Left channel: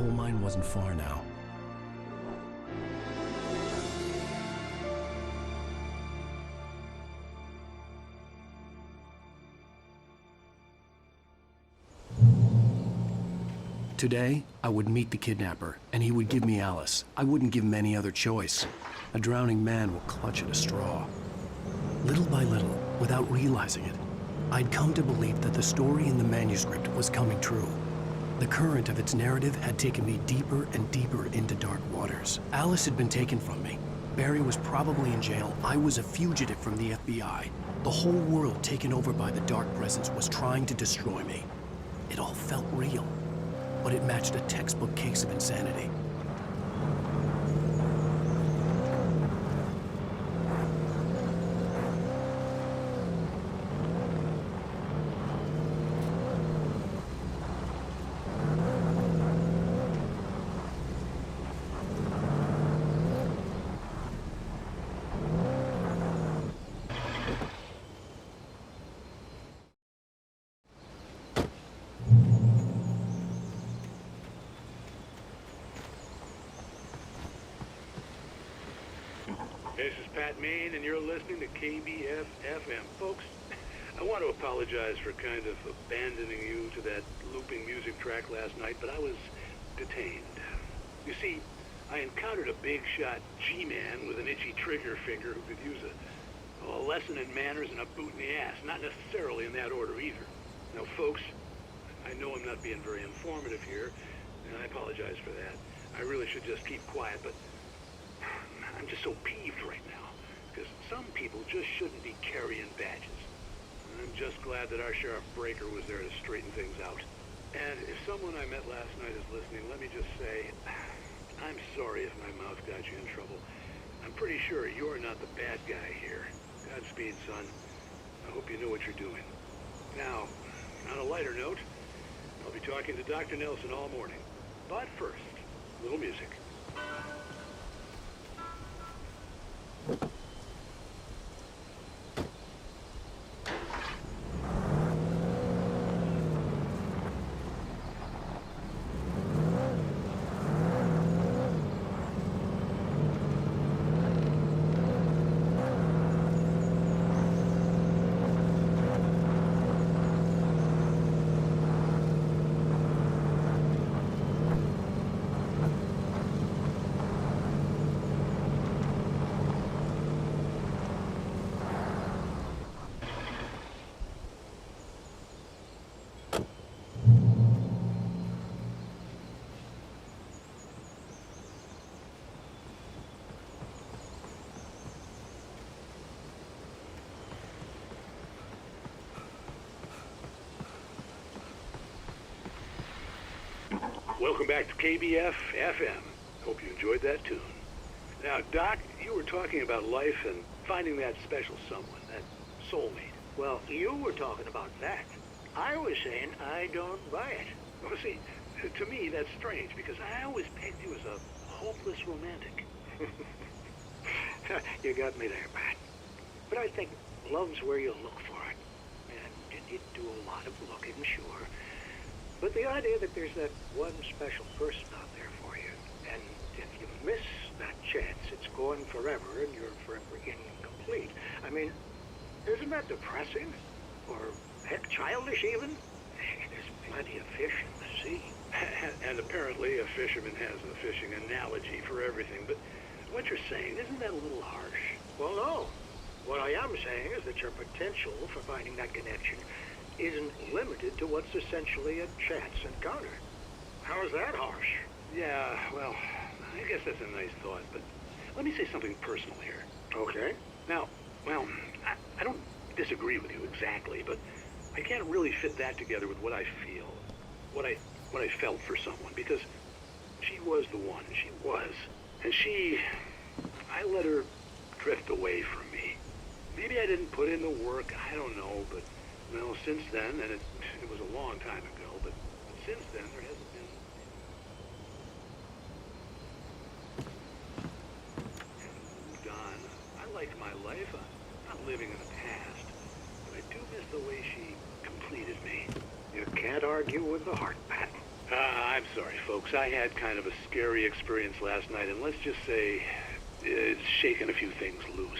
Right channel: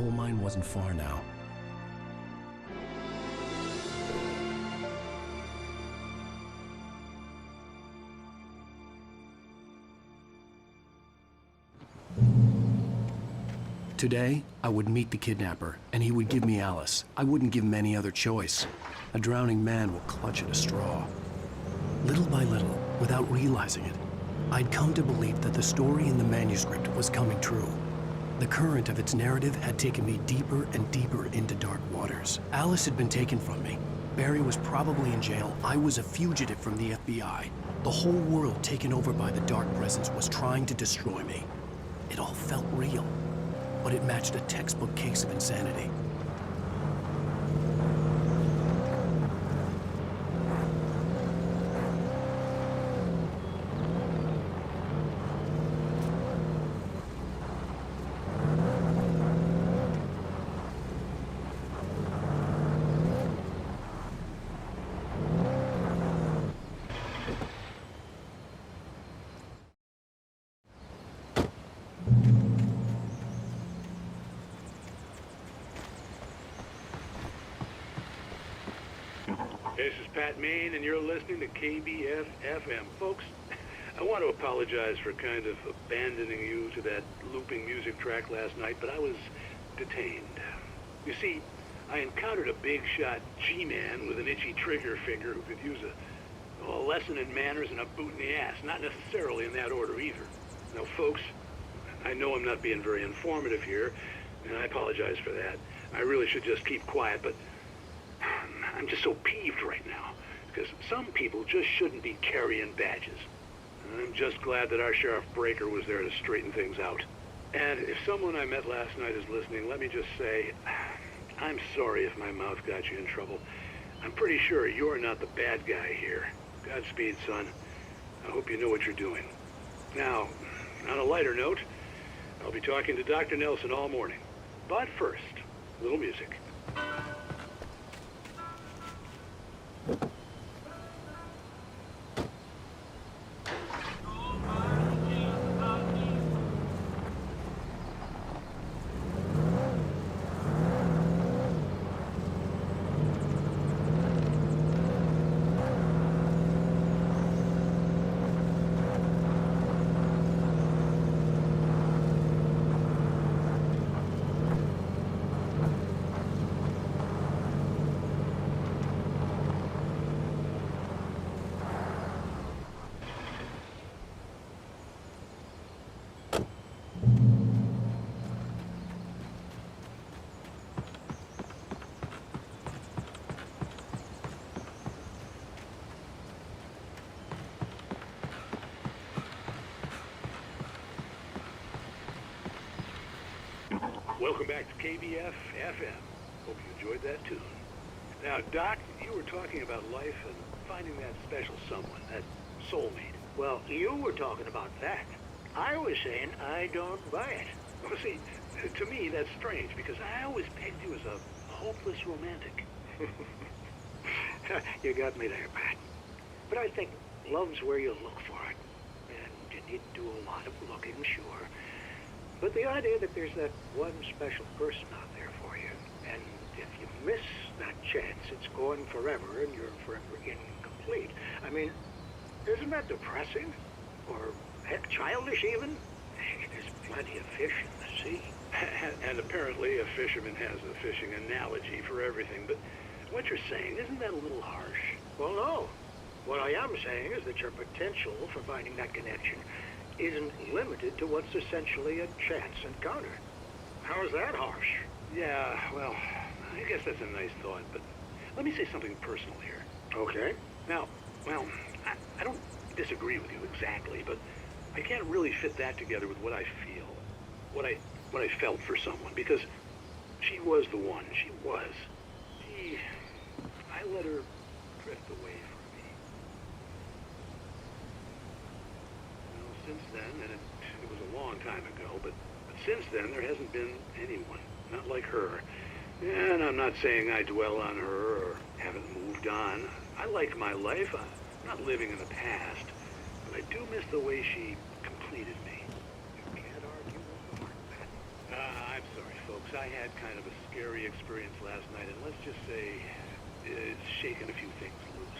coal mine wasn't far now. Today, I would meet the kidnapper, and he would give me Alice. I wouldn't give him any other choice. A drowning man will clutch at a straw. Little by little, without realizing it, I'd come to believe that the story in the manuscript was coming true. The current of its narrative had taken me deeper and deeper into dark waters. Alice had been taken from me. Barry was probably in jail. I was a fugitive from the FBI. The whole world taken over by the dark presence was trying to destroy me. It all felt real, but it matched a textbook case of insanity. This is Pat Main, and you're listening to KBF-FM. Folks, I want to apologize for kind of abandoning you to that looping music track last night, but I was detained. You see, I encountered a big-shot G-man with an itchy trigger finger who could use a lesson in manners and a boot in the ass, not necessarily in that order either. Now, folks, I know I'm not being very informative here, and I apologize for that. I really should just keep quiet, but I'm just so peeved right now, because some people just shouldn't be carrying badges. And I'm just glad that our Sheriff Breaker was there to straighten things out. And if someone I met last night is listening, let me just say, I'm sorry if my mouth got you in trouble. I'm pretty sure you're not the bad guy here. Godspeed, son. I hope you know what you're doing. Now, on a lighter note, I'll be talking to Dr. Nelson all morning. But first, a little music. Welcome back to KBF-FM. Hope you enjoyed that tune. Now, Doc, you were talking about life and finding that special someone, that soulmate. Well, you were talking about that. I was saying I don't buy it. Well, see, to me, that's strange, because I always pegged you as a hopeless romantic. You got me there, Pat. But I think love's where you look for it. And you need to do a lot of looking, sure. But the idea that there's that one special person out there for you, and if you miss that chance, it's gone forever, and you're forever incomplete. I mean, isn't that depressing? Or, heck, childish even? There's plenty of fish in the sea. And apparently a fisherman has a fishing analogy for everything, but what you're saying, isn't that a little harsh? Well, no. What I am saying is that your potential for finding that connection isn't limited to what's essentially a chance encounter. How is that harsh? Yeah, well, I guess that's a nice thought, but let me say something personal here. Okay. Now, well, I don't disagree with you exactly, but I can't really fit that together with what I feel, what I felt for someone, because she was the one. She was. And I let her drift away from me. Maybe I didn't put in the work, I don't know, but well, since then, and it was a long time ago, but since then there hasn't been anyone, not like her. And I'm not saying I dwell on her or haven't moved on. I like my life. I'm not living in the past, but I do miss the way she completed me. You can't argue with the heart, Pat. I'm sorry, folks. I had kind of a scary experience last night, and let's just say it's shaken a few things loose.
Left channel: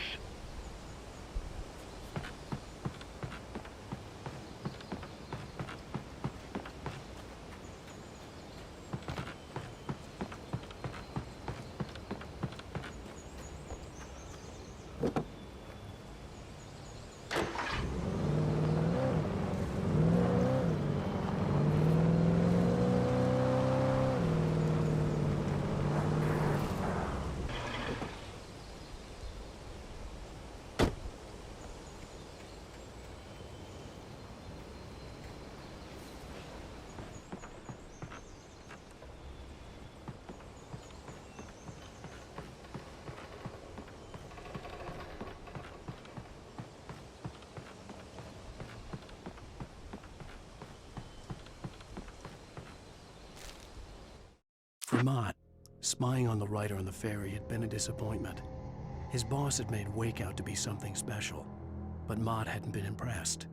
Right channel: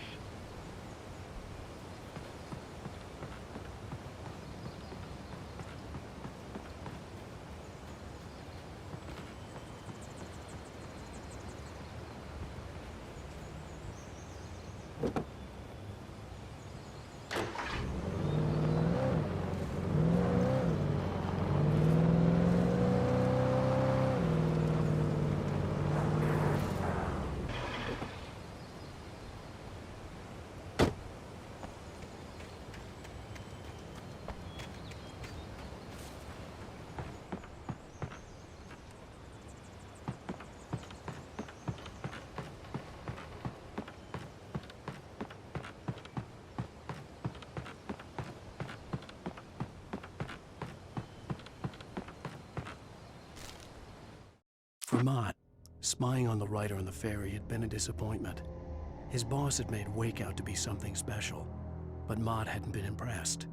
For Mott, spying on the writer on the ferry had been a disappointment. His boss had made Wake out to be something special, but Mott hadn't been impressed.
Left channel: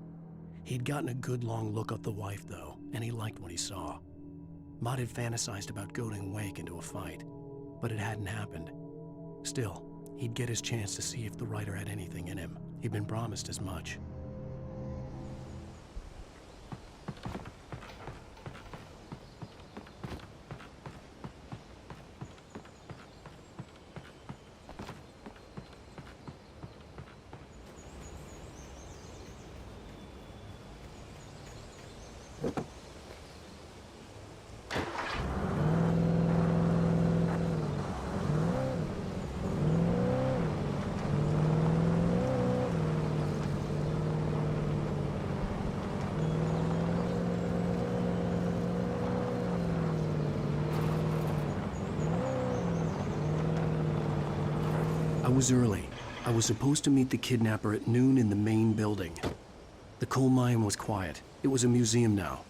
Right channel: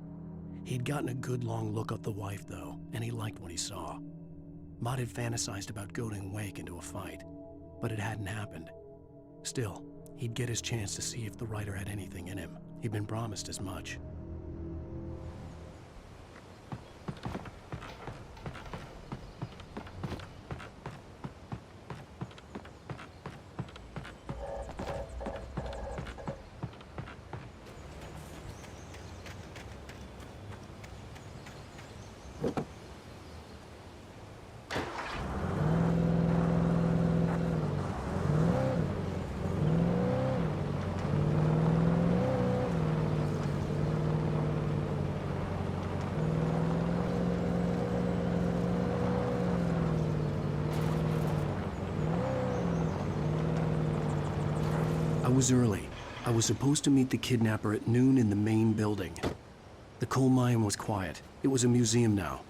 He'd gotten a good long look at the wife, though, and he liked what he saw. Mott had fantasized about goading Wake into a fight, but it hadn't happened. Still, he'd get his chance to see if the writer had anything in him. He'd been promised as much. I was early. I was supposed to meet the kidnapper at noon in the main building. The coal mine was quiet. It was a museum now.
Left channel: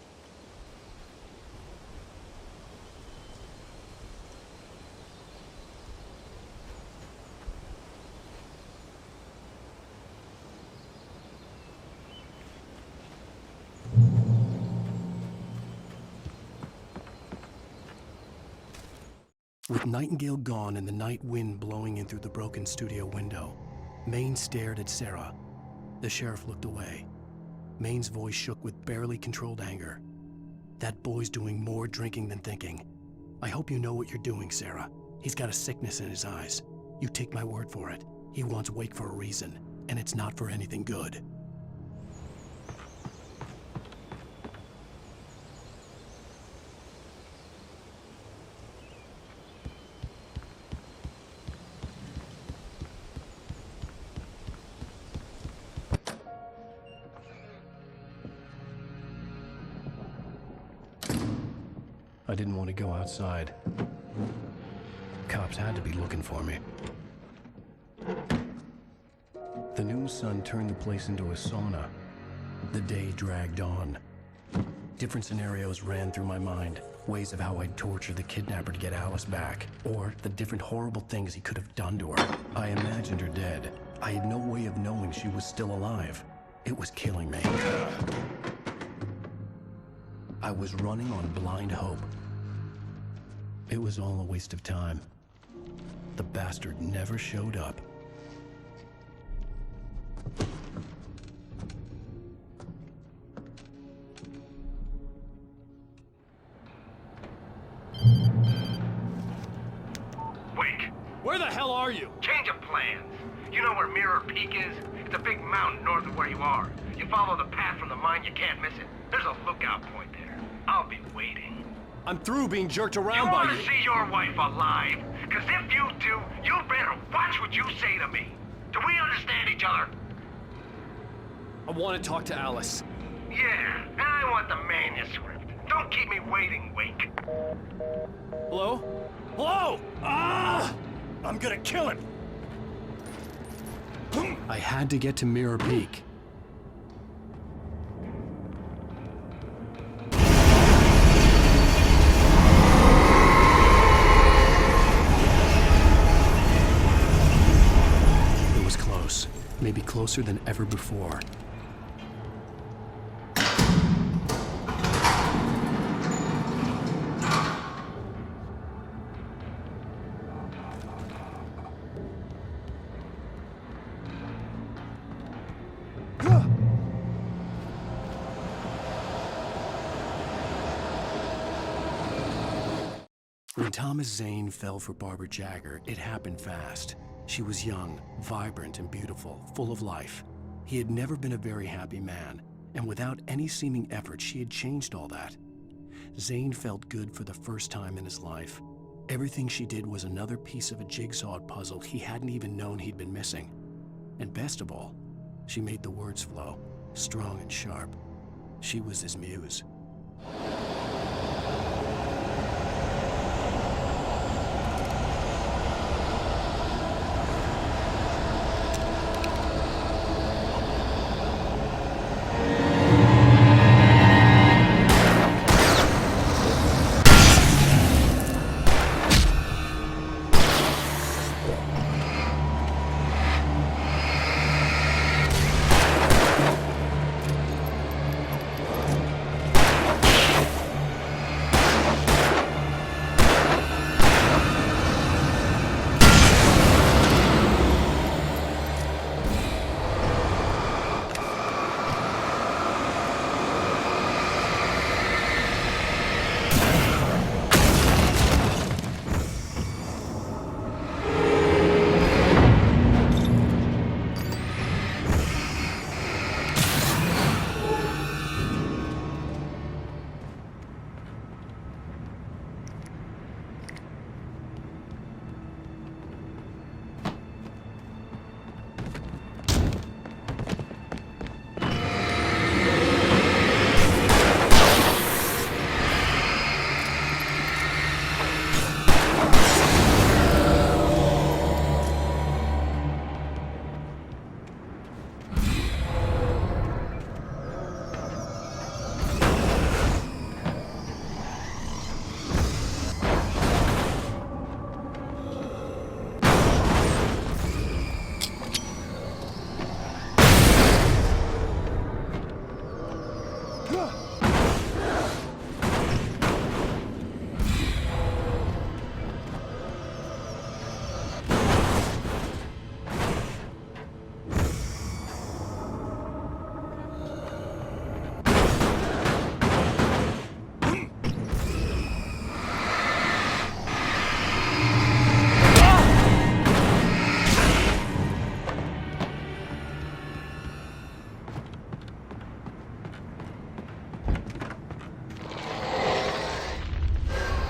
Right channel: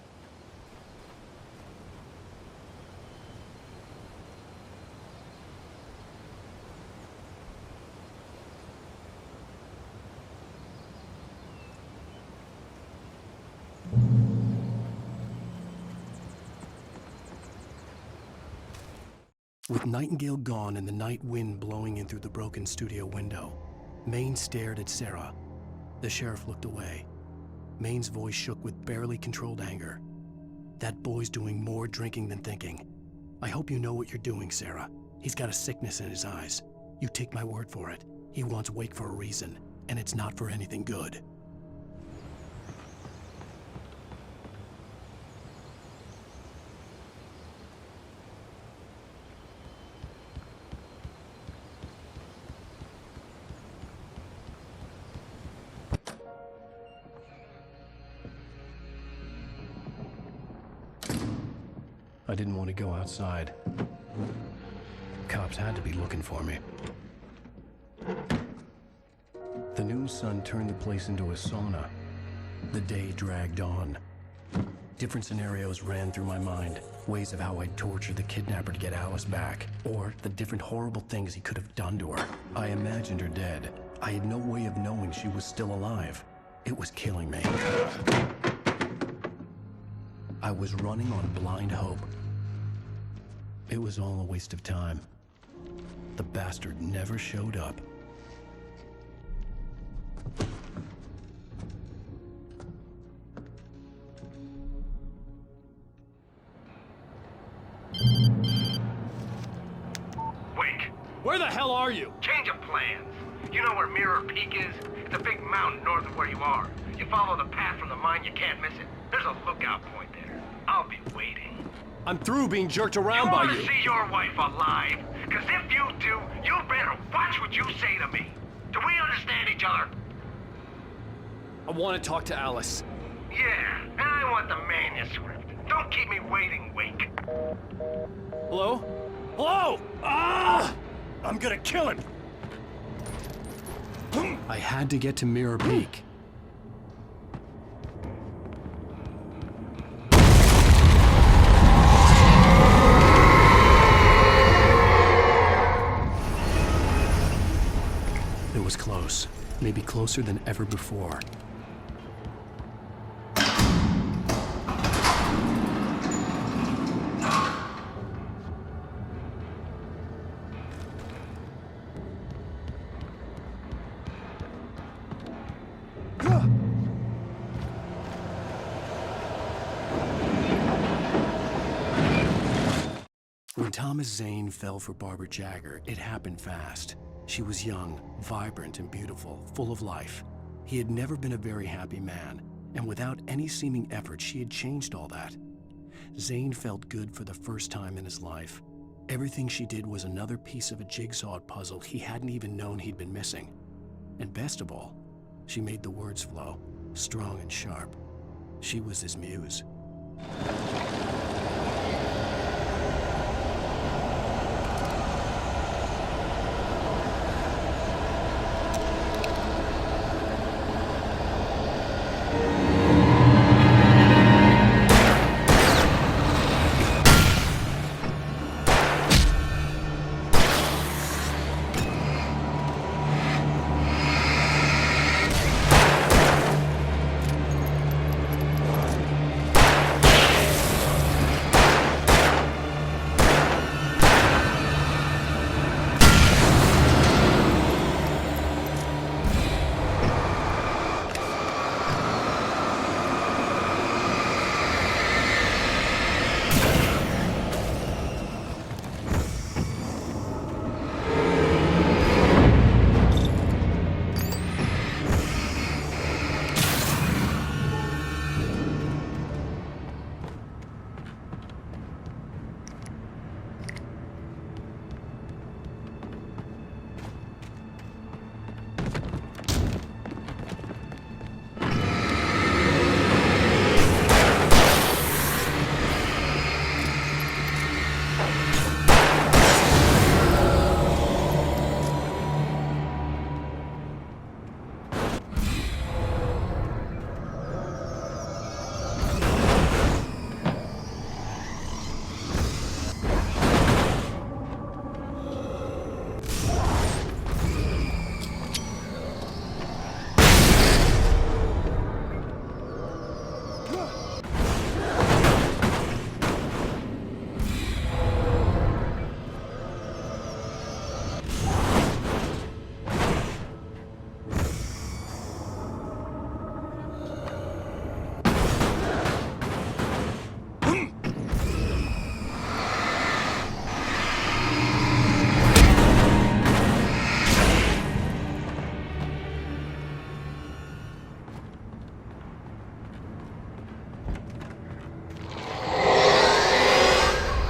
With Nightingale gone and the night wind blowing in through the broken studio window, Maine stared at Sarah. The sheriff looked away. Maine's voice shook with barely controlled anger. That boy's doing more drinking than thinking. I hope you know what you're doing, Sarah. He's got a sickness in his eyes. You take my word for it. He wants Wake for a reason, and it's not for anything good. I didn't want to go outside. Cops had to be looking for me. The noon sun turned the place into a sauna. The day dragged on. Different scenarios ran through my mind. Ways of how I'd torture the kidnapper to get Alice back. Or the different horrible things he could have done to her. I imagined her dead. I had no way of knowing she was still alive. It was killing me. I was running on blind hope. It was all a waste of time. The bastard never showed up. Wake! Where the hell are you? Change of plans. You know where Mirror Peak is? It's a big mountain north of where you are. You follow the path from the mine, you can't miss it. There's a lookout point there. I'll be waiting. I'm through being jerked around by You want you. to see your wife alive? Because if you do, you better watch what you say to me. Do we understand each other? I want to talk to Alice. Yeah, and I want the manuscript. Don't keep me waiting, Wake. Hello? Hello? Ah! I'm gonna kill him. I had to get to Mirror Peak. It was close, maybe closer than ever before. When Thomas Zane fell for Barbara Jagger, it happened fast. She was young, vibrant, and beautiful, full of life. He had never been a very happy man, and without any seeming effort, she had changed all that. Zane felt good for the first time in his life. Everything she did was another piece of a jigsaw puzzle he hadn't even known he'd been missing. And best of all, she made the words flow, strong and sharp. She was his muse.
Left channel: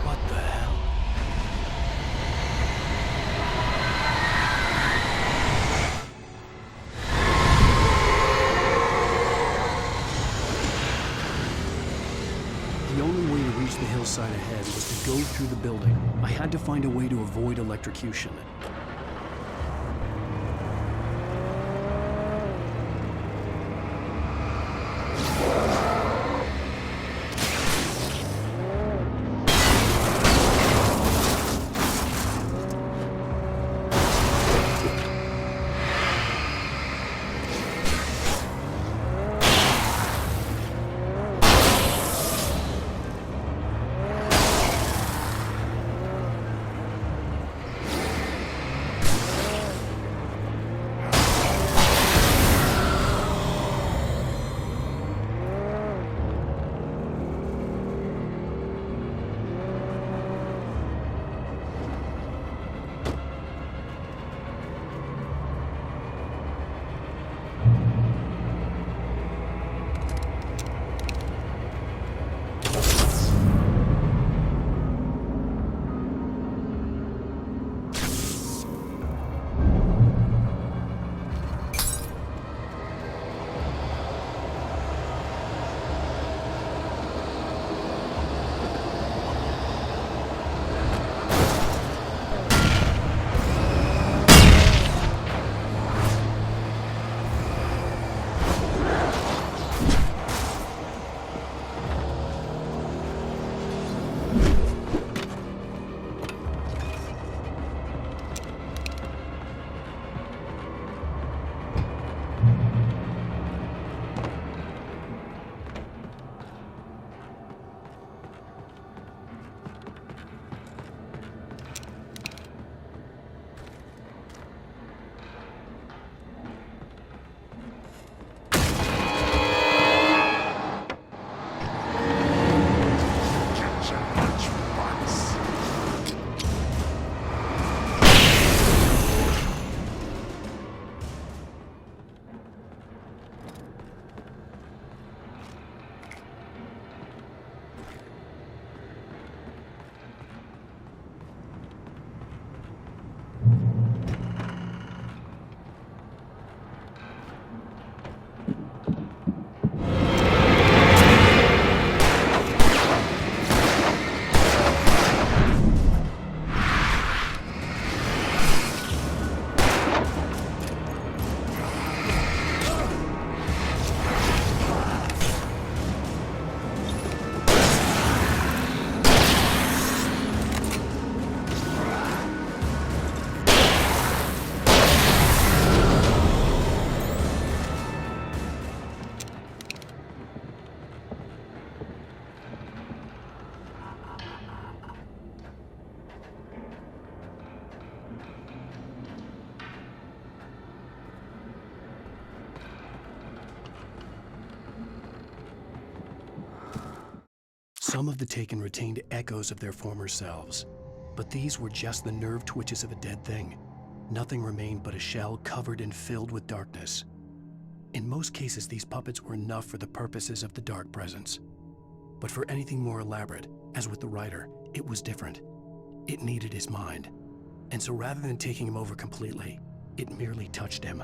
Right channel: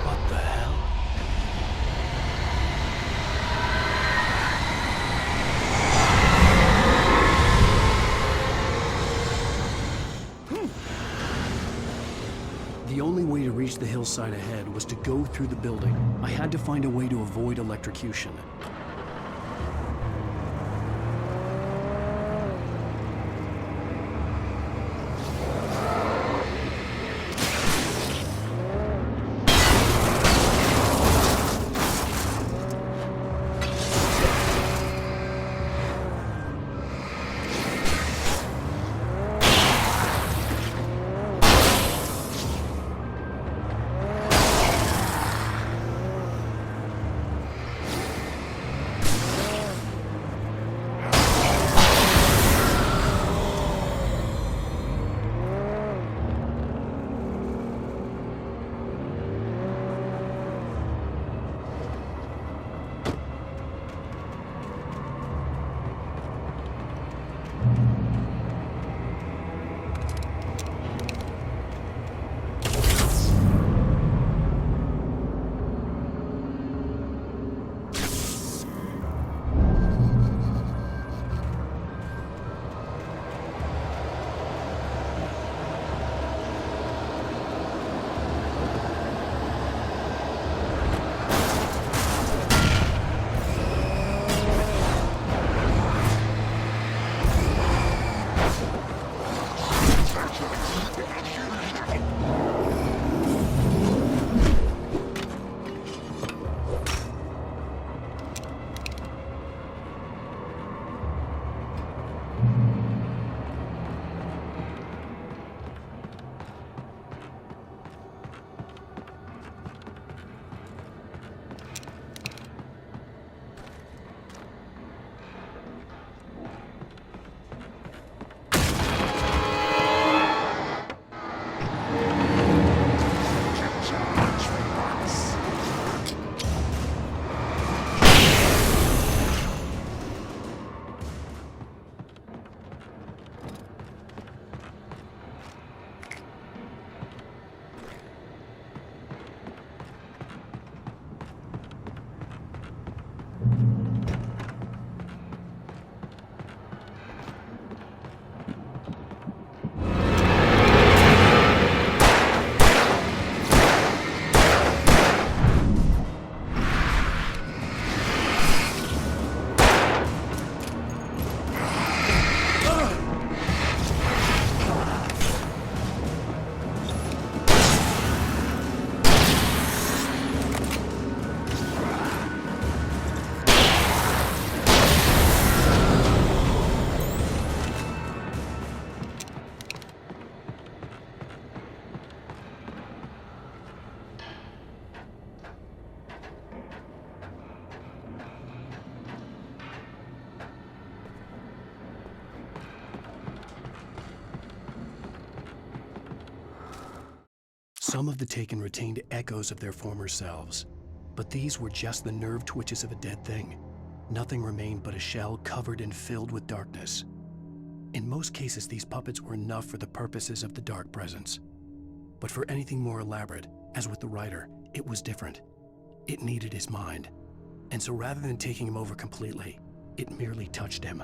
What the hell? The only way to reach the hillside ahead was to go through the building. I had to find a way to avoid electrocution. Some of the taken retained echoes of their former selves, but these were just the nerve twitches of a dead thing. Nothing remained but a shell covered and filled with darkness. In most cases, these puppets were enough for the purposes of the dark presence. But for anything more elaborate, as with the writer, it was different. It needed his mind. And so rather than taking him over completely, it merely touched him.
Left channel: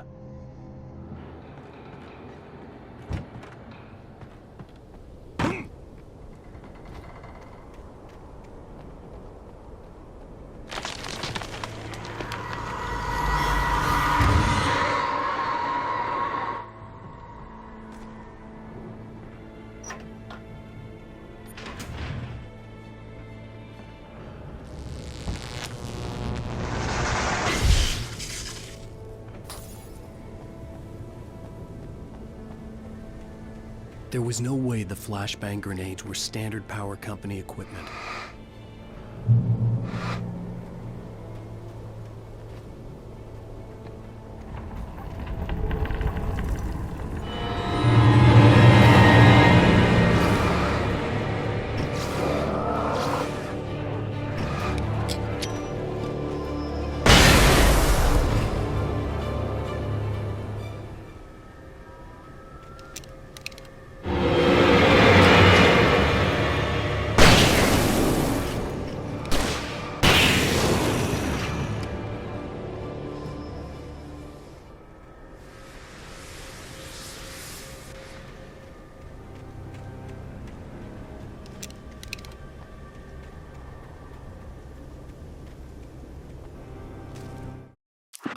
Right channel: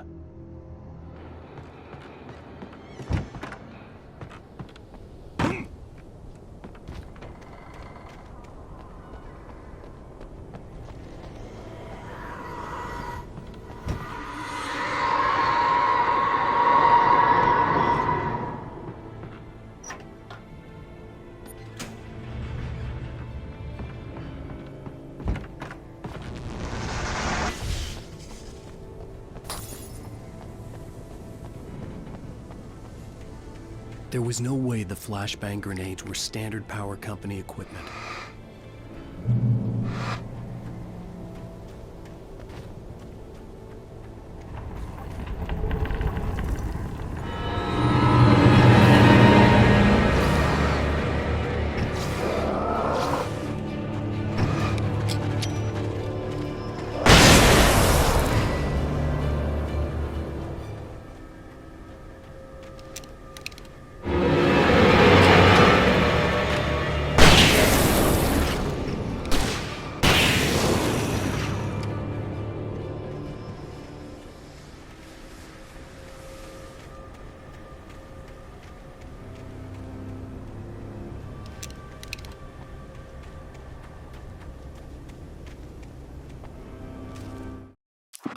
There was no way the flashbang grenades were standard power company equipment.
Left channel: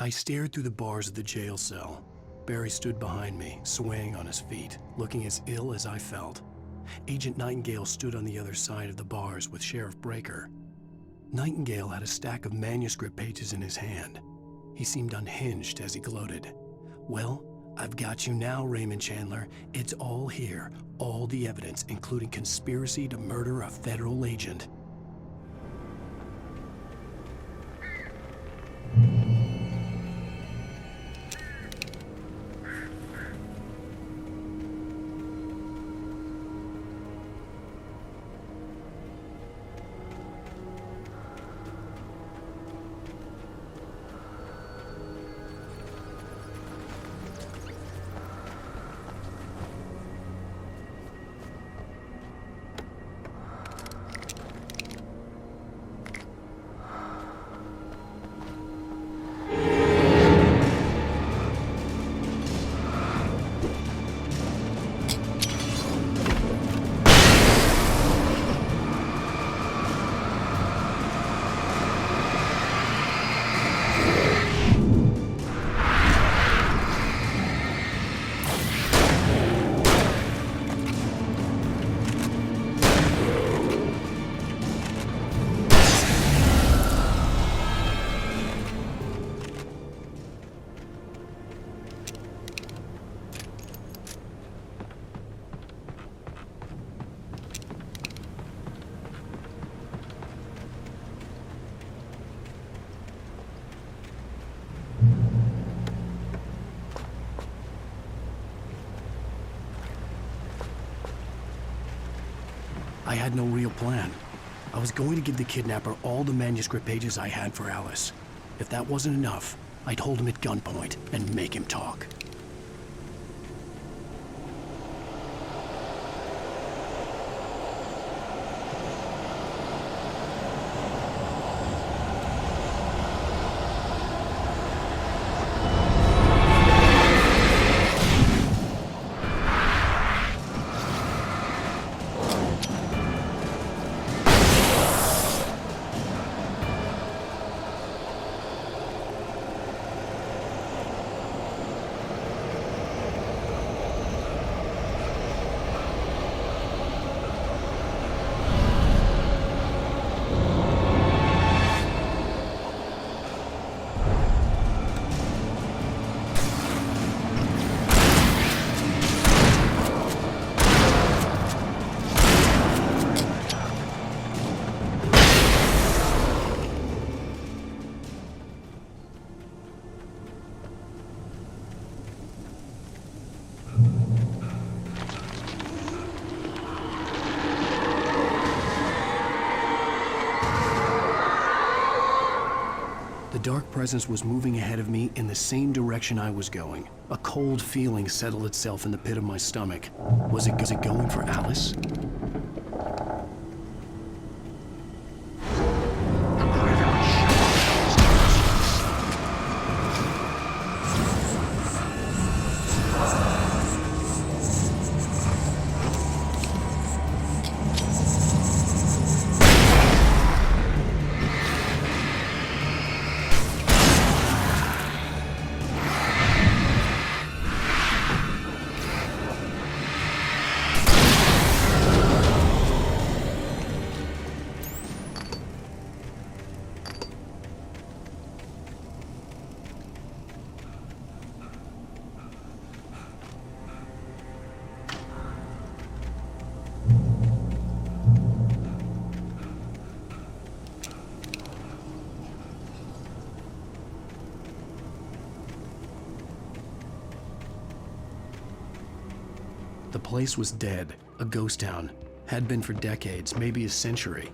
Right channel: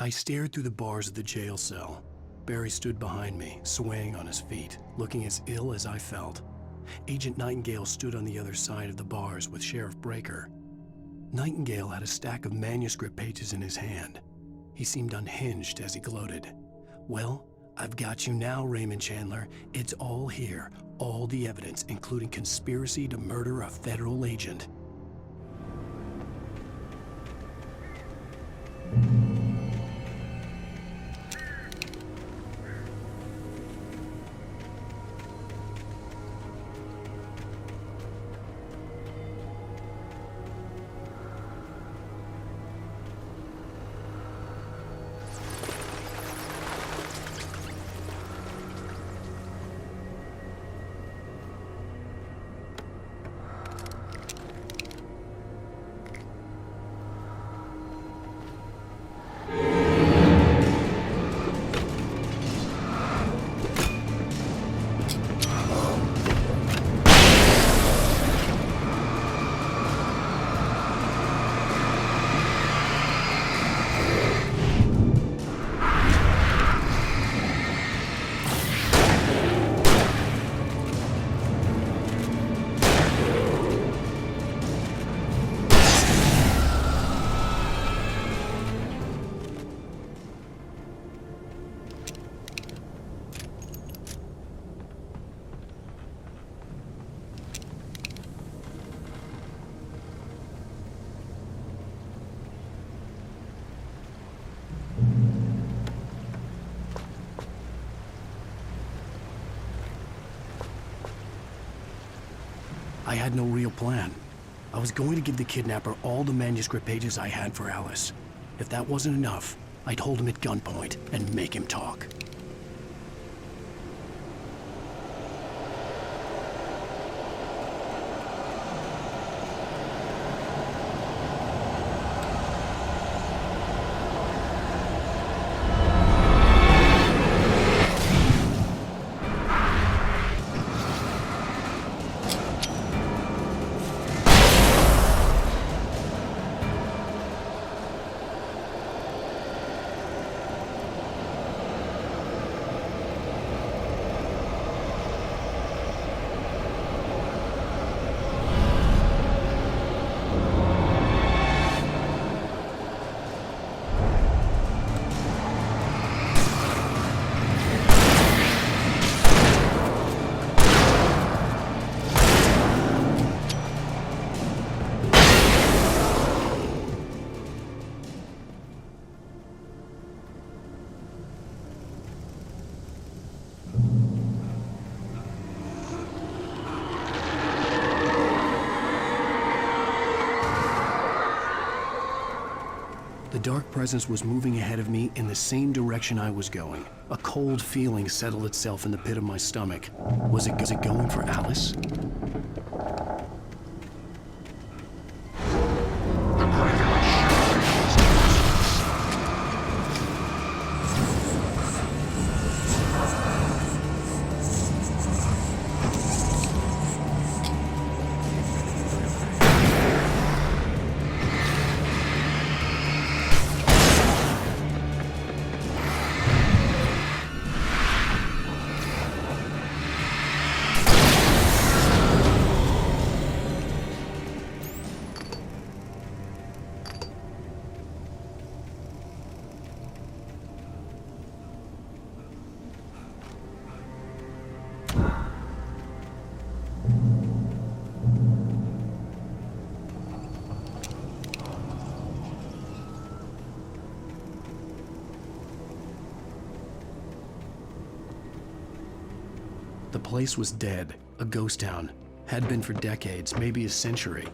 I stared through the bars of the jail cell. Barry stood behind me, swaying on his feet, looking as ill as I felt. Agent Nightingale stood on the other side of the bars with Sheriff Breaker. Nightingale had a stack of manuscript pages in his hand. He seemed unhinged as he gloated. "Well, I've got you now, Raymond Chandler. It's all here, all the evidence, including conspiracy to murder a federal agent." I had no real plan. I was going to give the kidnapper all the manuscript pages I had for Alice. If that wasn't enough, I'd hold him at gunpoint and make him talk. The dark presence was moving ahead of me in the same direction I was going. A cold feeling settled itself in the pit of my stomach. Was it going for Alice? The place was dead, a ghost town. Had been for decades, maybe a century.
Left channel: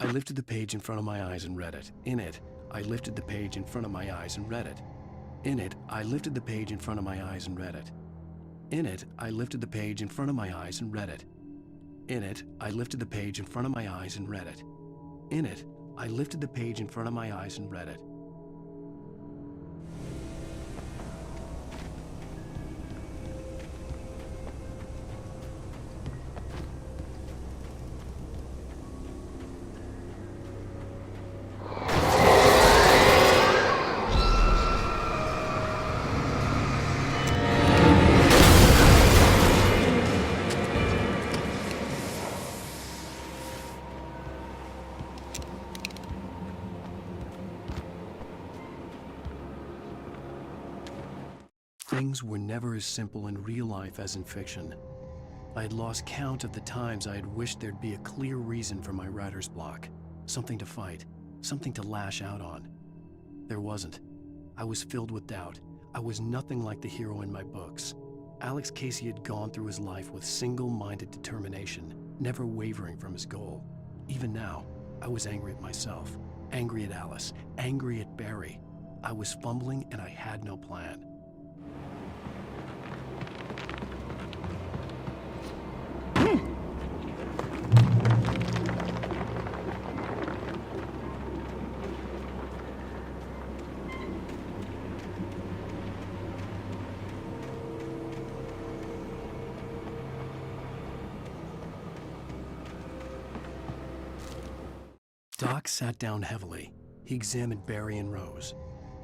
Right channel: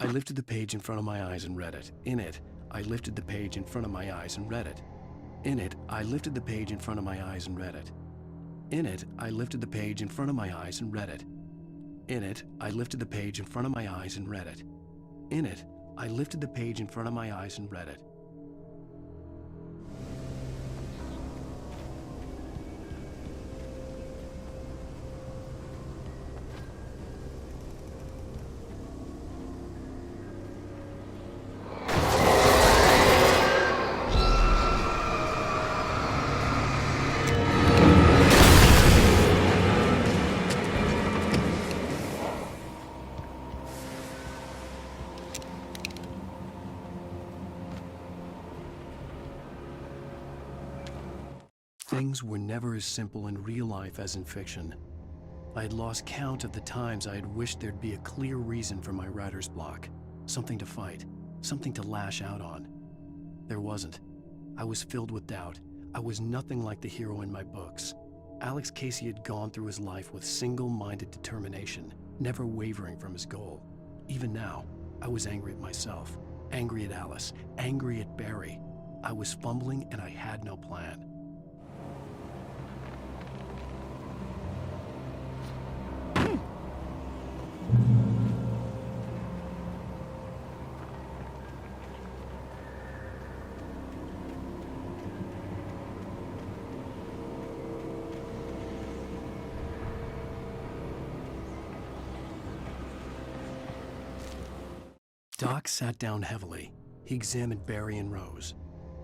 I lifted the page in front of my eyes and read it. In it, I lifted the page in front of my eyes and read it. In it, I lifted the page in front of my eyes and read it. In it, I lifted the page in front of my eyes and read it. In it, I lifted the page in front of my eyes and read it. In it, I lifted the page in front of my eyes and read it. Things were never as simple in real life as in fiction. I had lost count of the times I had wished there'd be a clear reason for my writer's block. Something to fight, something to lash out on. There wasn't. I was filled with doubt. I was nothing like the hero in my books. Alex Casey had gone through his life with single-minded determination, never wavering from his goal. Even now, I was angry at myself, angry at Alice, angry at Barry. I was fumbling and I had no plan. Doc sat down heavily. He examined Barry and Rose.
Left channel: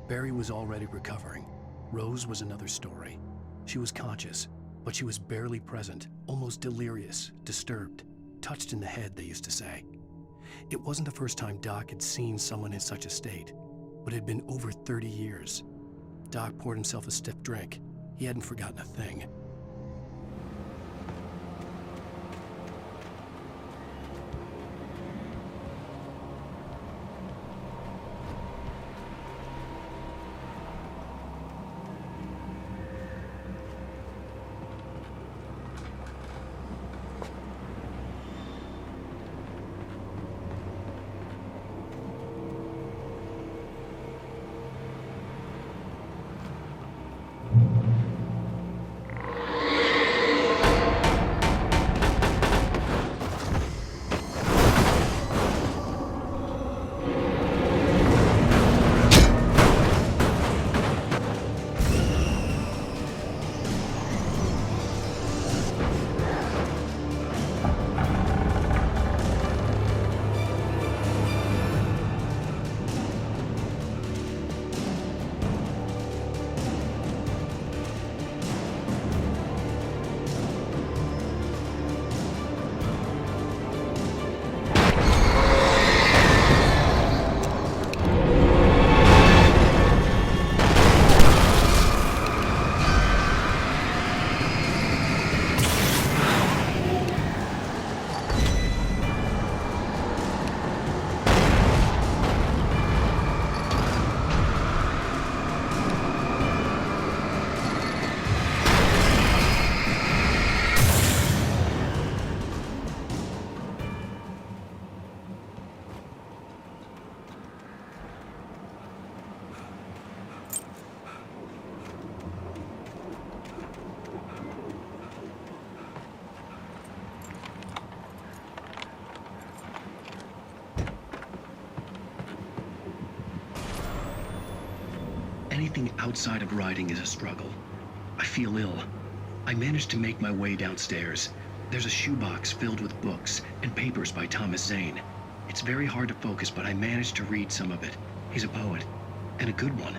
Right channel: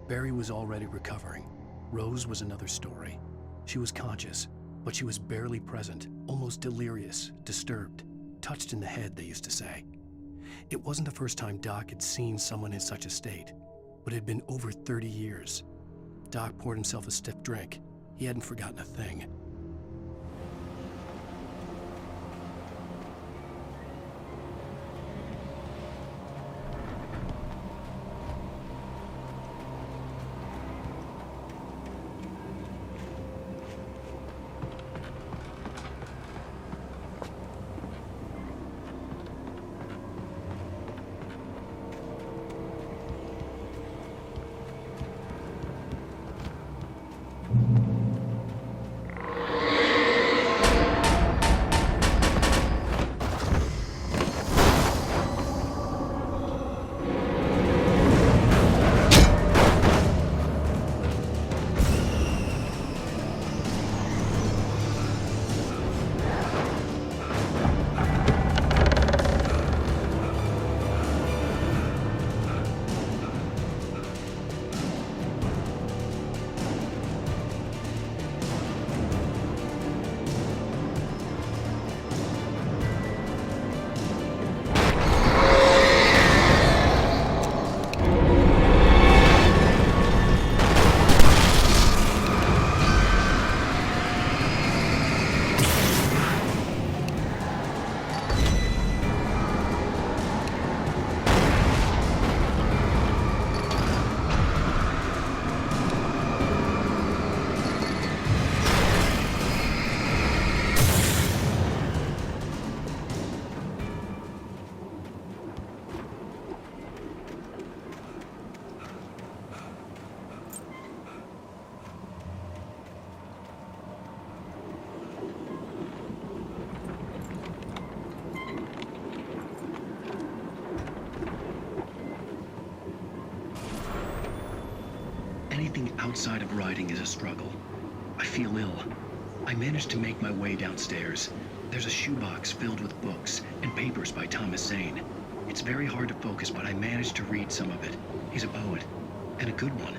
Barry was already recovering. Rose was another story. She was conscious, but she was barely present, almost delirious, disturbed, touched in the head, they used to say. It wasn't the first time Doc had seen someone in such a state, but it had been over 30 years. Doc poured himself a stiff drink. He hadn't forgotten a thing. Anything outside of writing is a struggle. I feel ill. I managed to make my way downstairs. There's a shoebox filled with books and papers by Thomas Zane. It's very hard to focus, but I managed to read some of it. He's a poet, and a good one.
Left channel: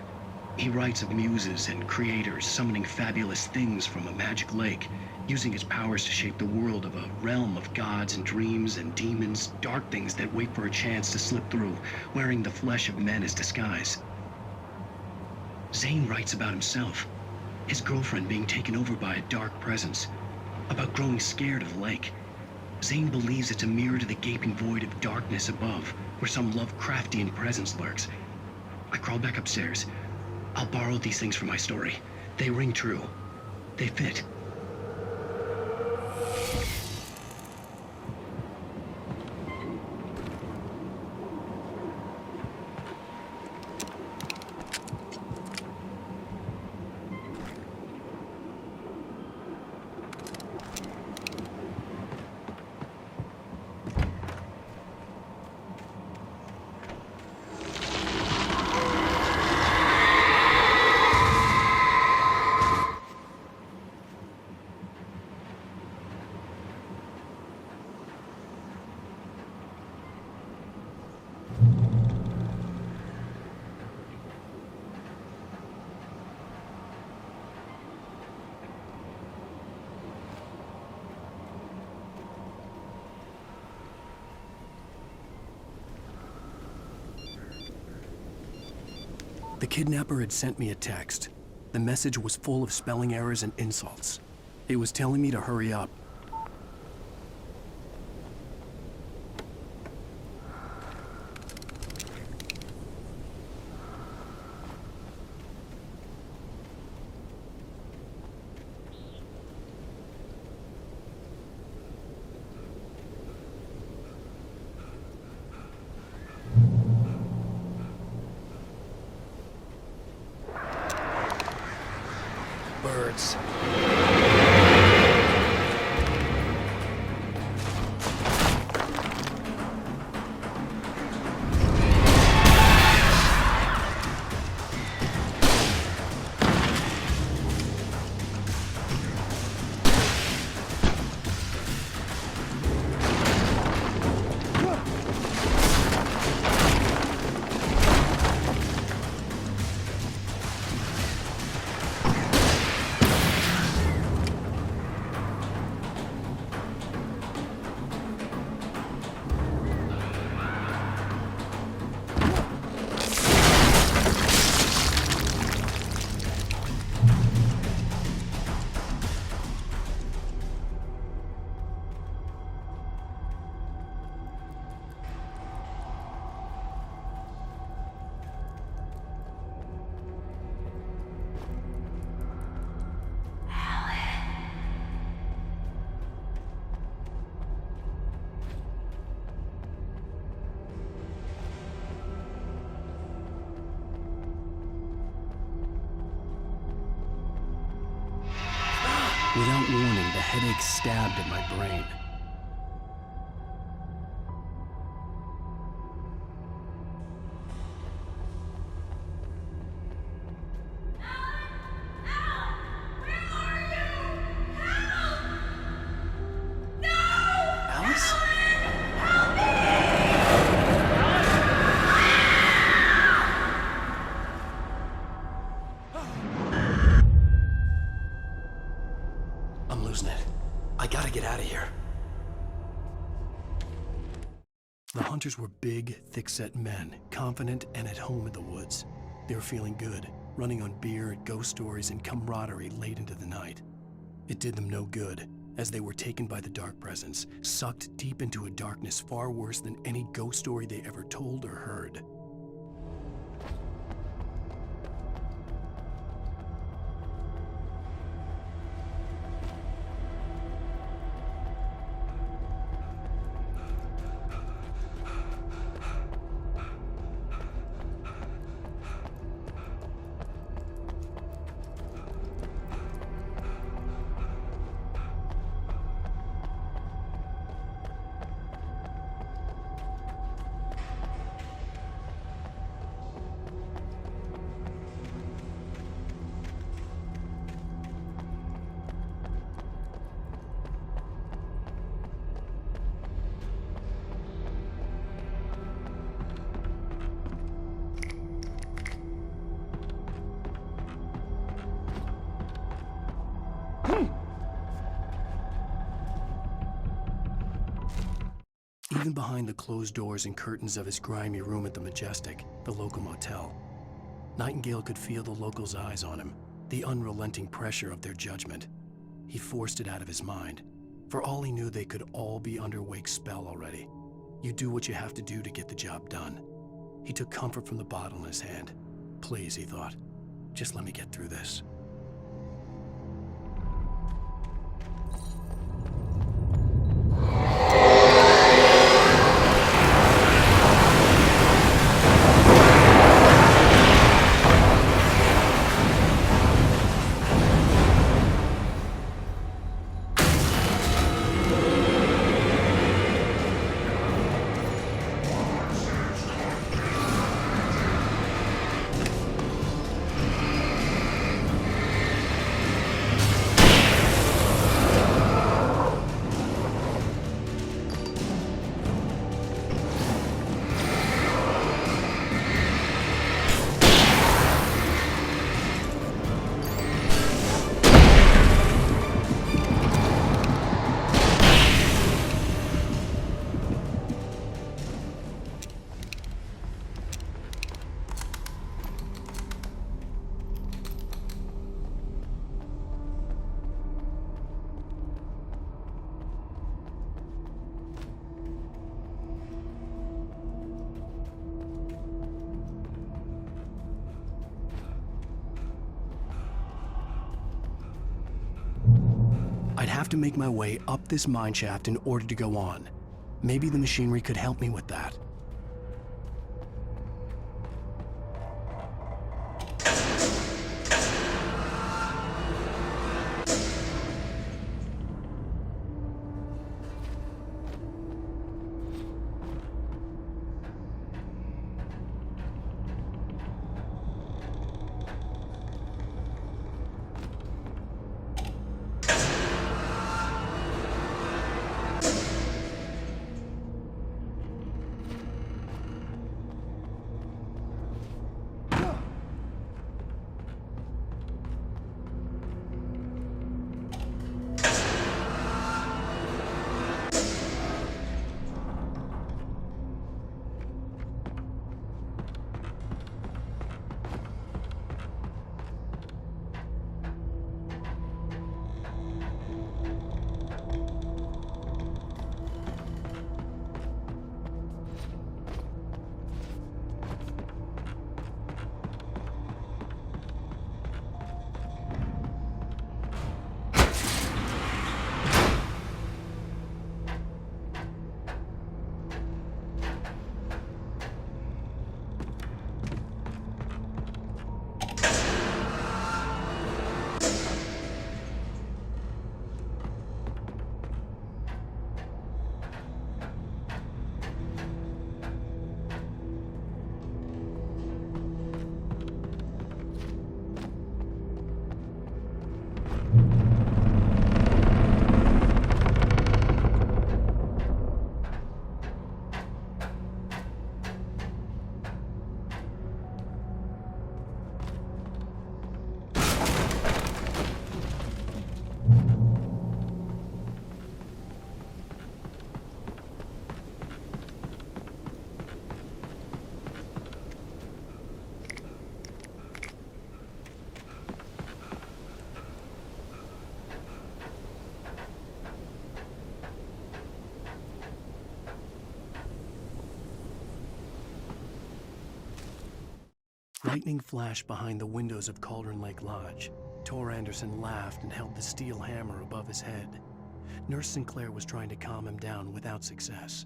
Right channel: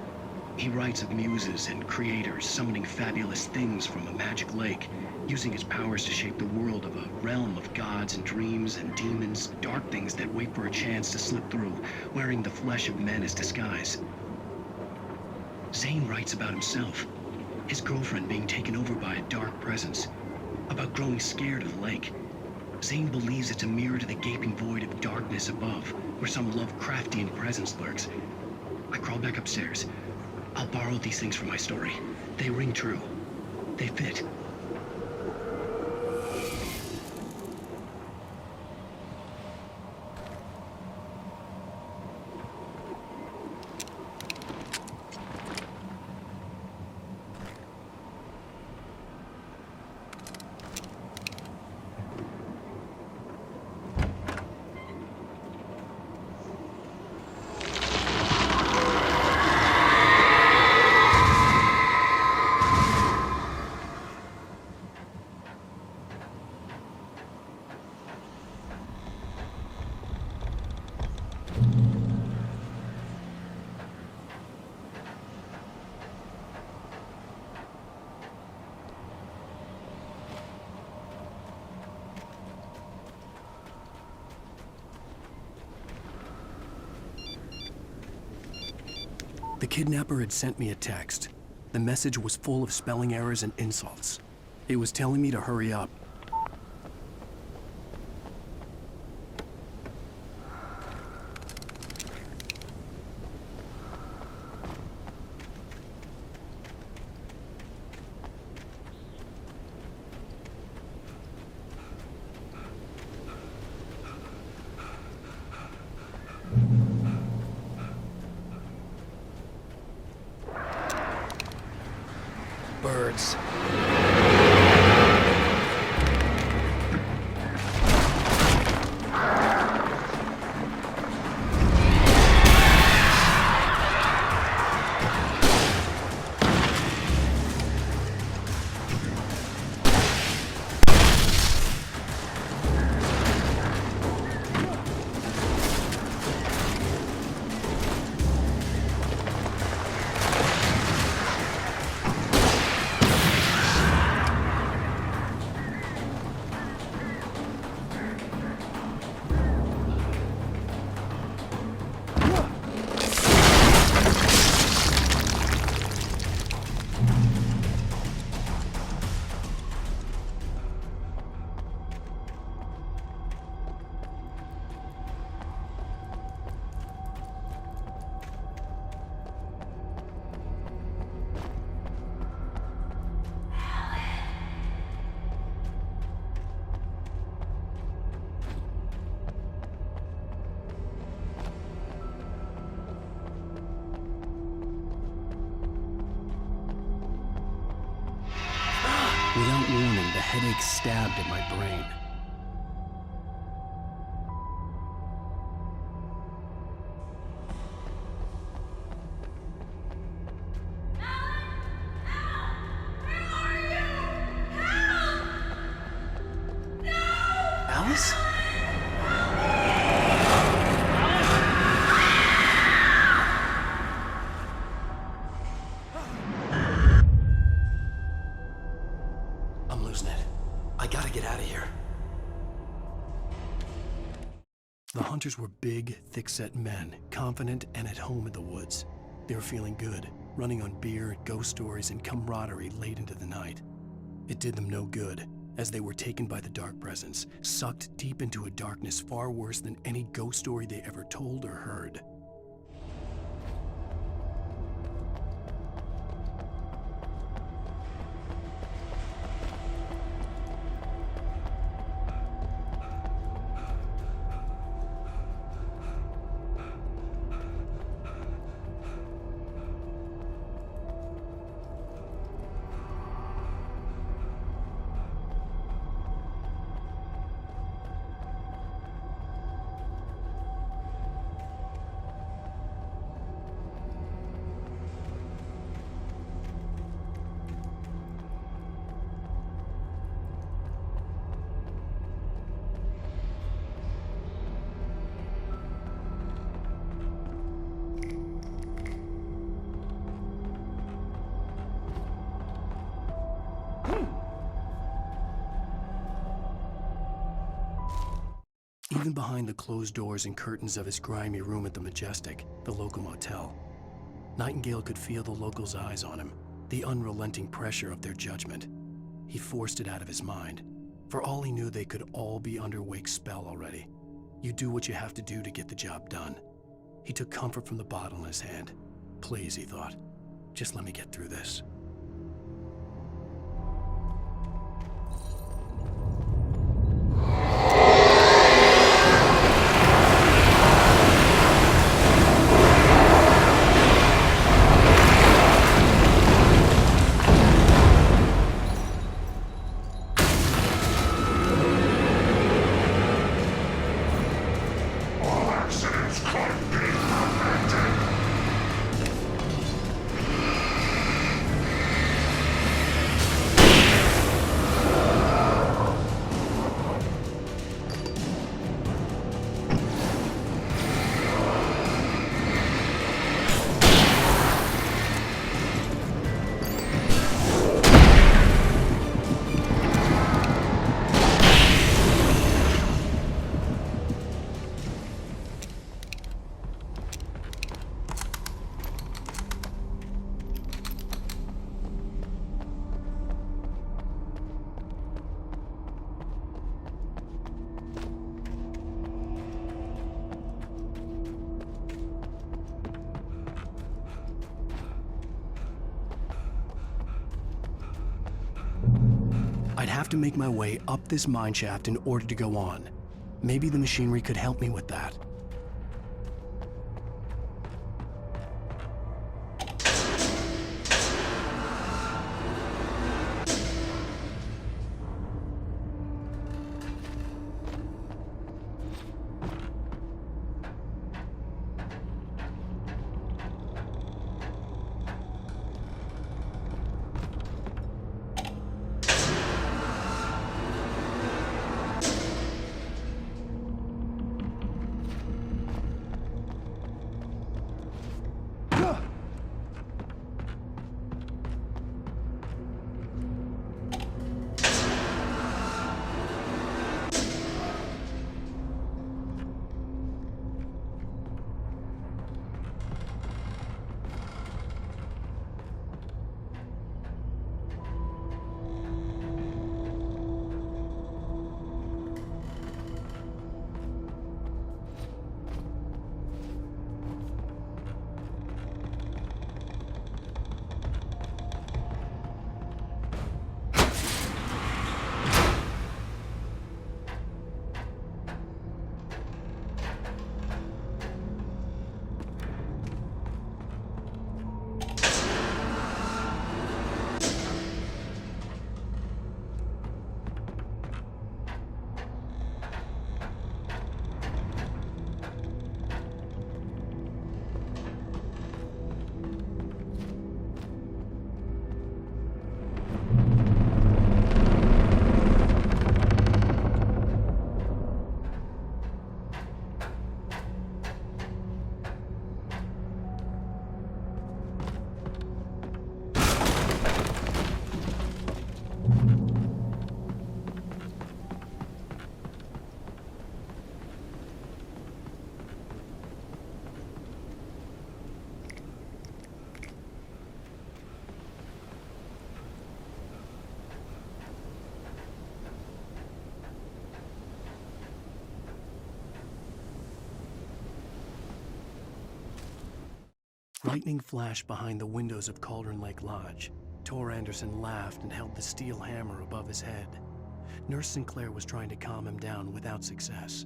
He writes of muses and creators summoning fabulous things from a magic lake, using his powers to shape the world of a realm of gods and dreams and demons, dark things that wait for a chance to slip through, wearing the flesh of men as disguise. Zane writes about himself, his girlfriend being taken over by a dark presence, about growing scared of the lake. Zane believes it's a mirror to the gaping void of darkness above, where some Lovecraftian presence lurks. I crawl back upstairs. I'll borrow these things for my story. They ring true. They fit. The kidnapper had sent me a text. The message was full of spelling errors and insults. It was telling me to hurry up. Birds. Without warning, the headache stabbed at my brain. Alice? I'm losing it. I gotta get out of here. The hunters were big, thick-set men, confident and at home in the woods. They were feeling good, running on beer, ghost stories, and camaraderie late into the night. It did them no good, as they were taken by the dark presence, sucked deep into a darkness far worse than any ghost story they ever told or heard. Even behind the closed doors and curtains of his grimy room at the Majestic, the local motel, Nightingale could feel the locals' eyes on him, the unrelenting pressure of their judgment. He forced it out of his mind. For all he knew, they could all be under Wake's spell already. You do what you have to do to get the job done. He took comfort from the bottle in his hand. Please, he thought, just let me get through this. I'd have to make my way up this mine shaft in order to go on. Maybe the machinery could help me with that. Lightning flashed behind the windows of Cauldron Lake Lodge. Tor Anderson laughed and held the steel hammer above his head. Nurse Sinclair was trying to calm him down without success.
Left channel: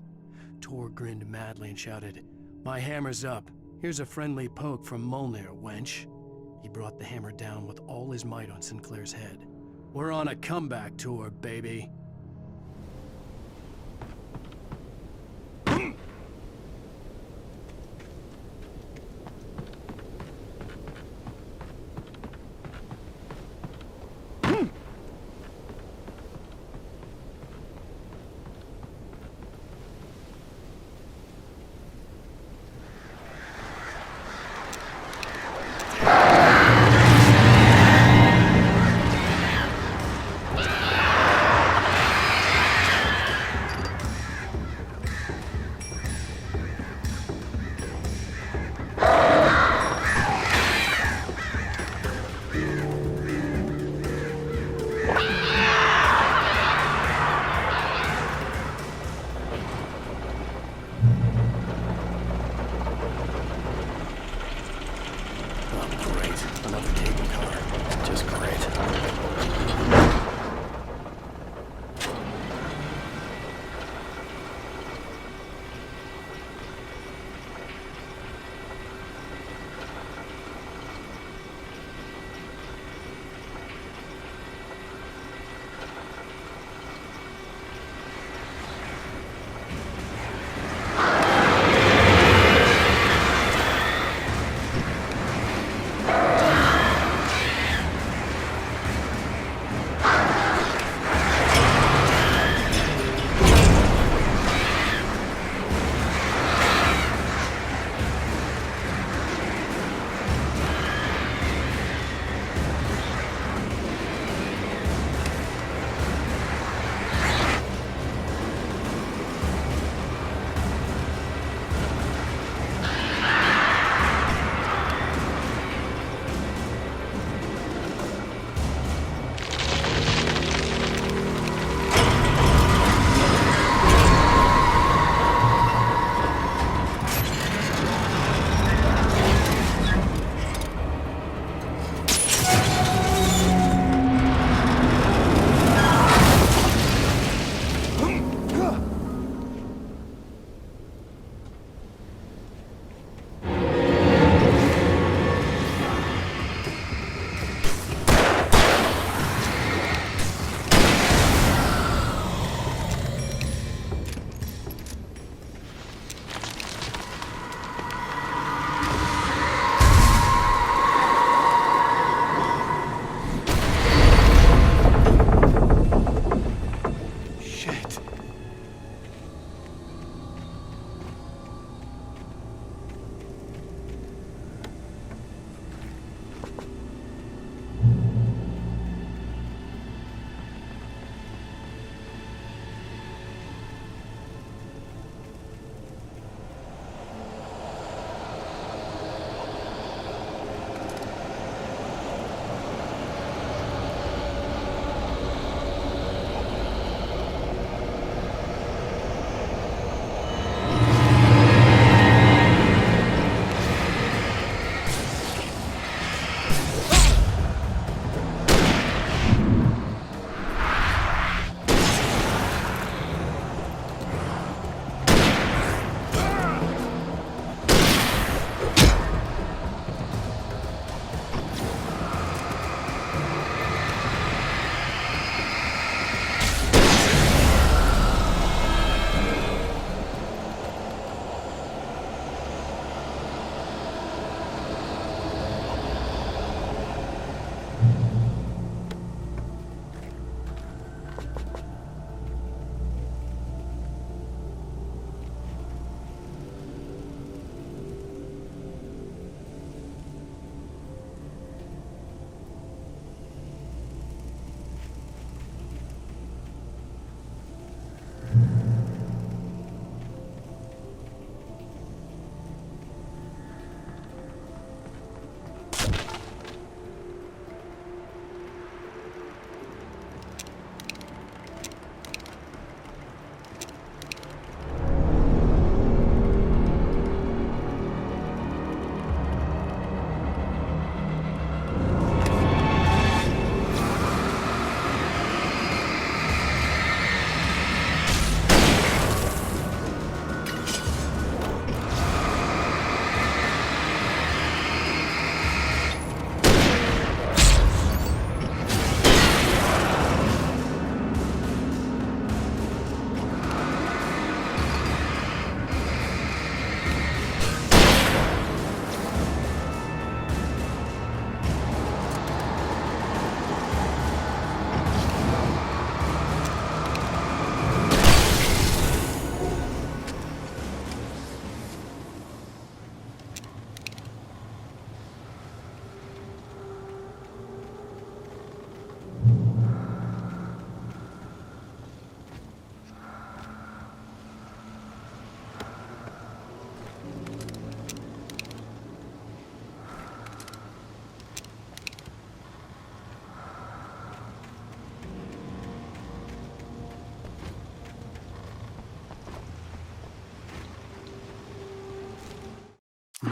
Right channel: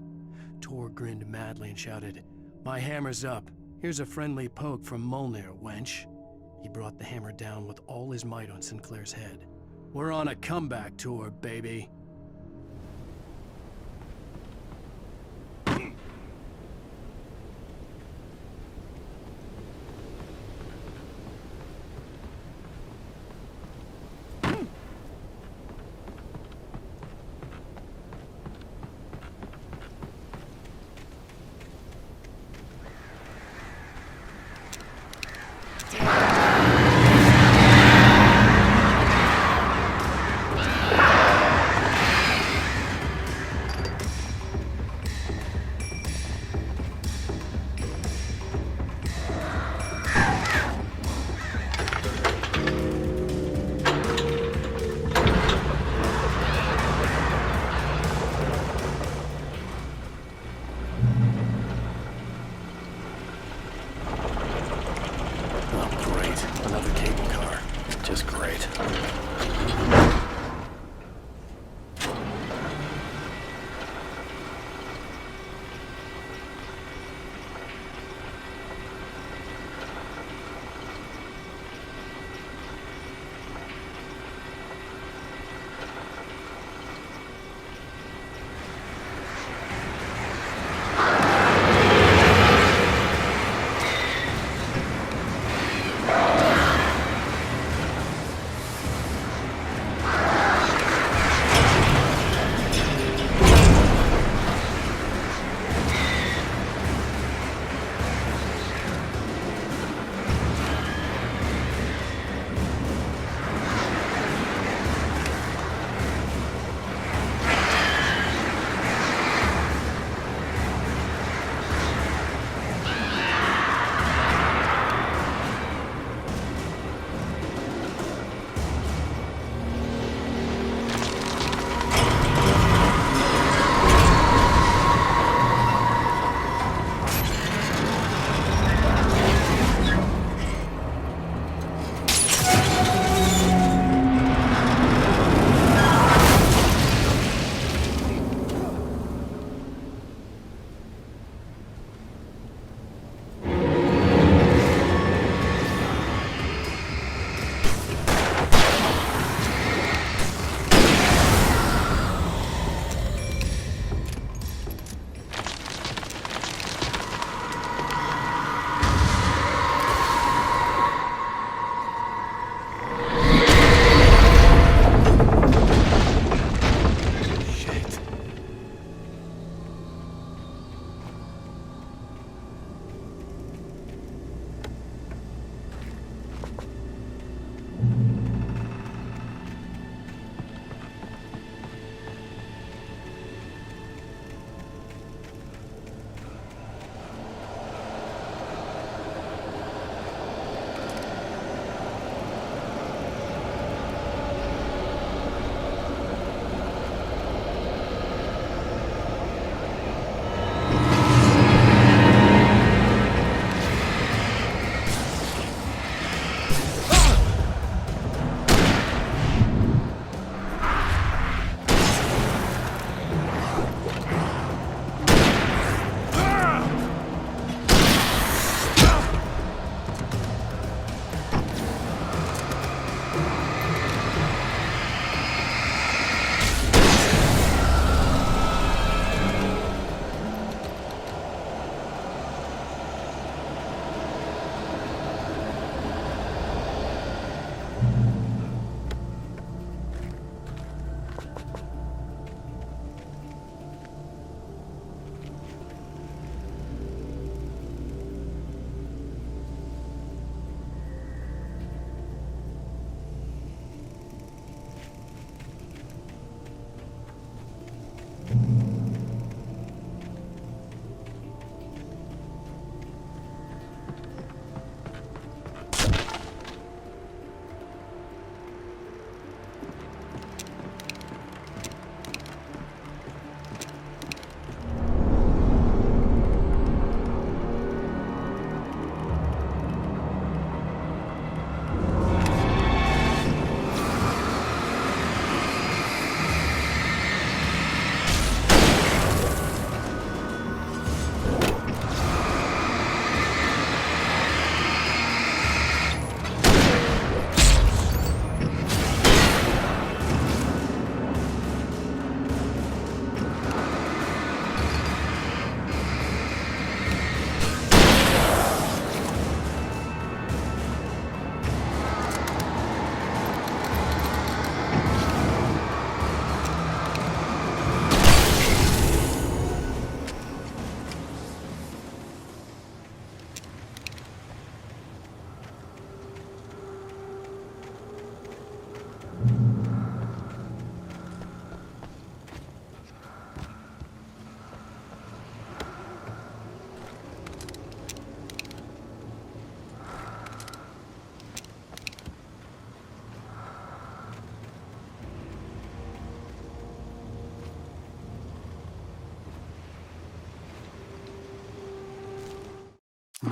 Tor grinned madly and shouted, "My hammer's up. Here's a friendly poke from Molnir, wench." He brought the hammer down with all his might on Sinclair's head. "We're on a comeback tour, baby."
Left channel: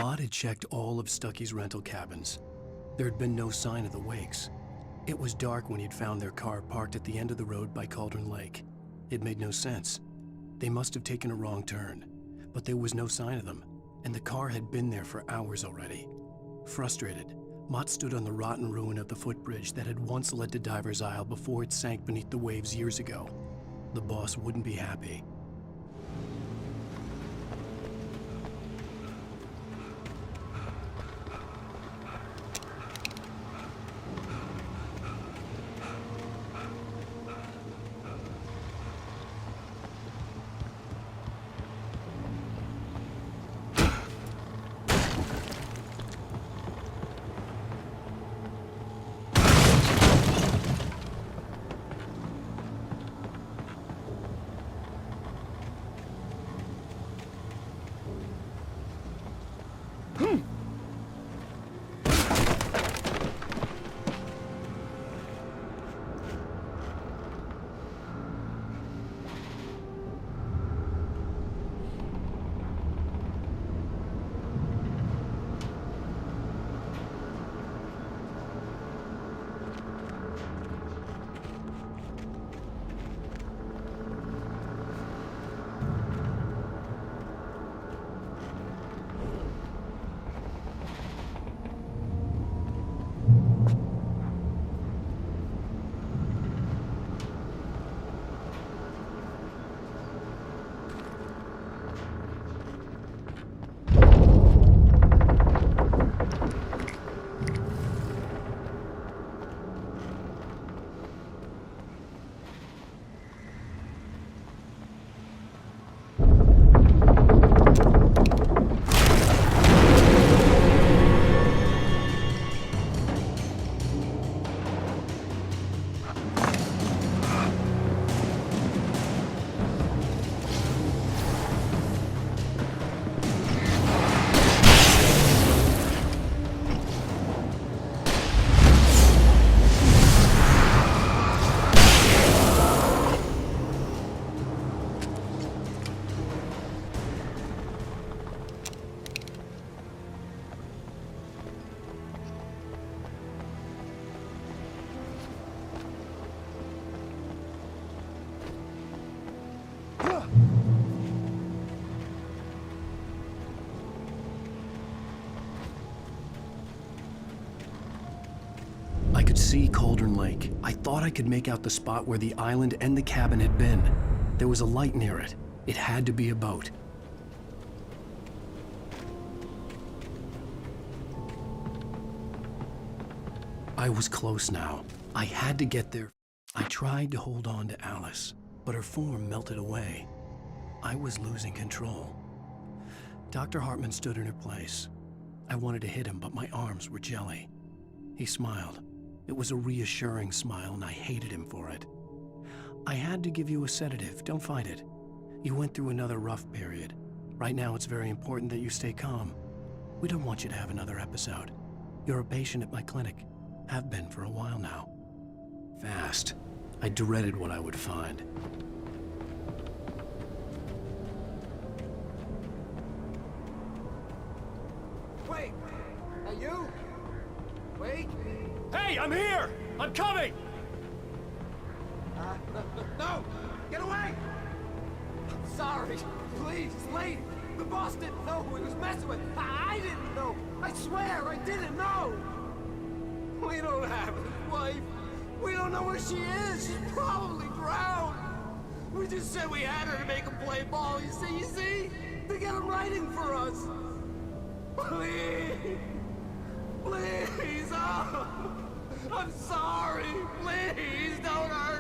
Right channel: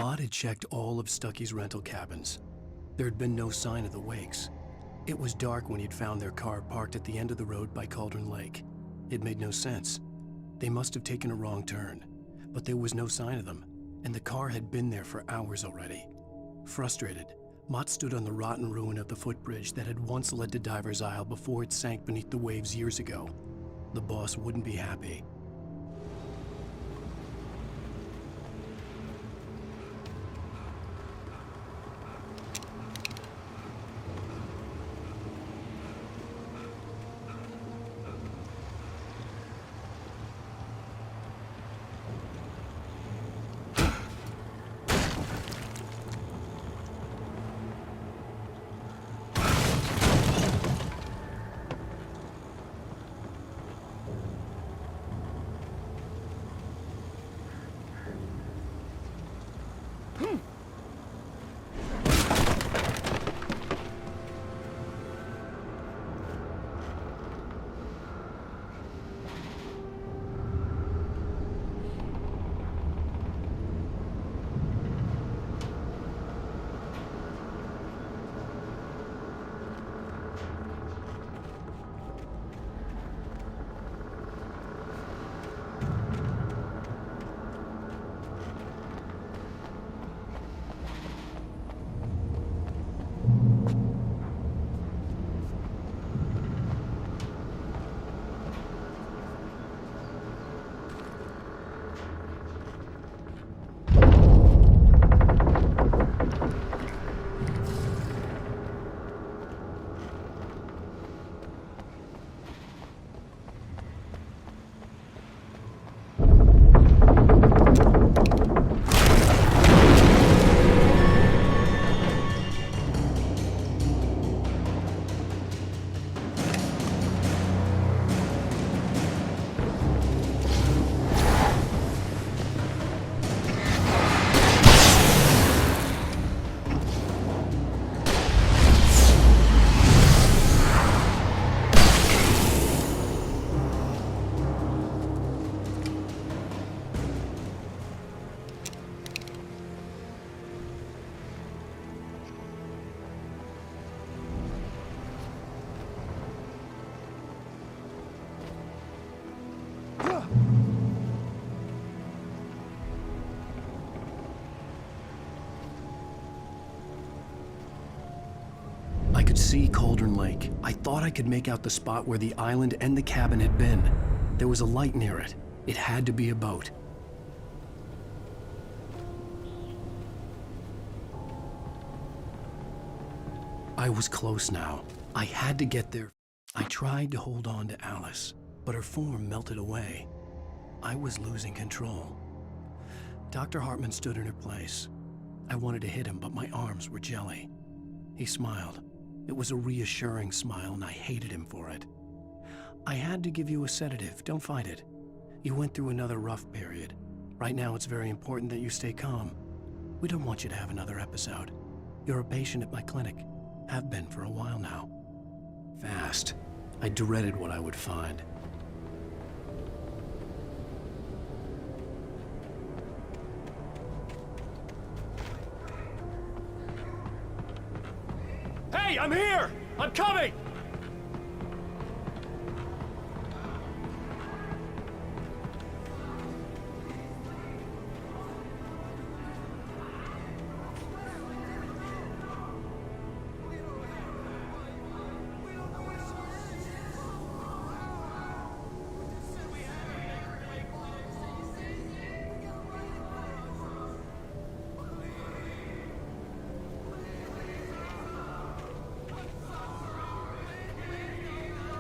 Mott had checked all of Stucky's rental cabins. There had been no sign of the Wakes. It was dark when he'd found their car parked at the end of the road by Cauldron Lake. It made no sense. They must have taken a wrong turn, but there was no sign of them, and the car had been there for hours already. Frustrated, Mott stood on the rotten ruin of the footbridge that had once led to Diver's Isle before it sank beneath the waves years ago. The boss wouldn't be happy. I could see Cauldron Lake. I thought I could make out the spot where the island and the cabin had been. There was a light near it. It had to be a boat. I was close now. I had to get there. I tried to hold on to Alice, but her form melted away. I was losing control. Dr. Hartman stood in her place. I wanted to hit him, but my arms were jelly. He smiled. It was a reassuring smile, and I hated him for it. I had to give you a sedative. Don't fight it. You went through another rough period. Right now, it's very important that you stay calm. We don't want you to have another episode. You're a patient at my clinic. Have been for a while now. Fast. I dreaded what I would find. Wait! Are you? Wait! Hey, I'm here! I'm coming! No! Get away! Sorry. Please, it's late. The boss didn't know who he was messing with. I didn't know. I swear, I didn't know. We don't have a wife. We don't know where she is. She's probably drowned. We just said we had her to make a play ball. You see? They got him writing for us. Please. Please. Oh. I'm sorry. Please don't hurt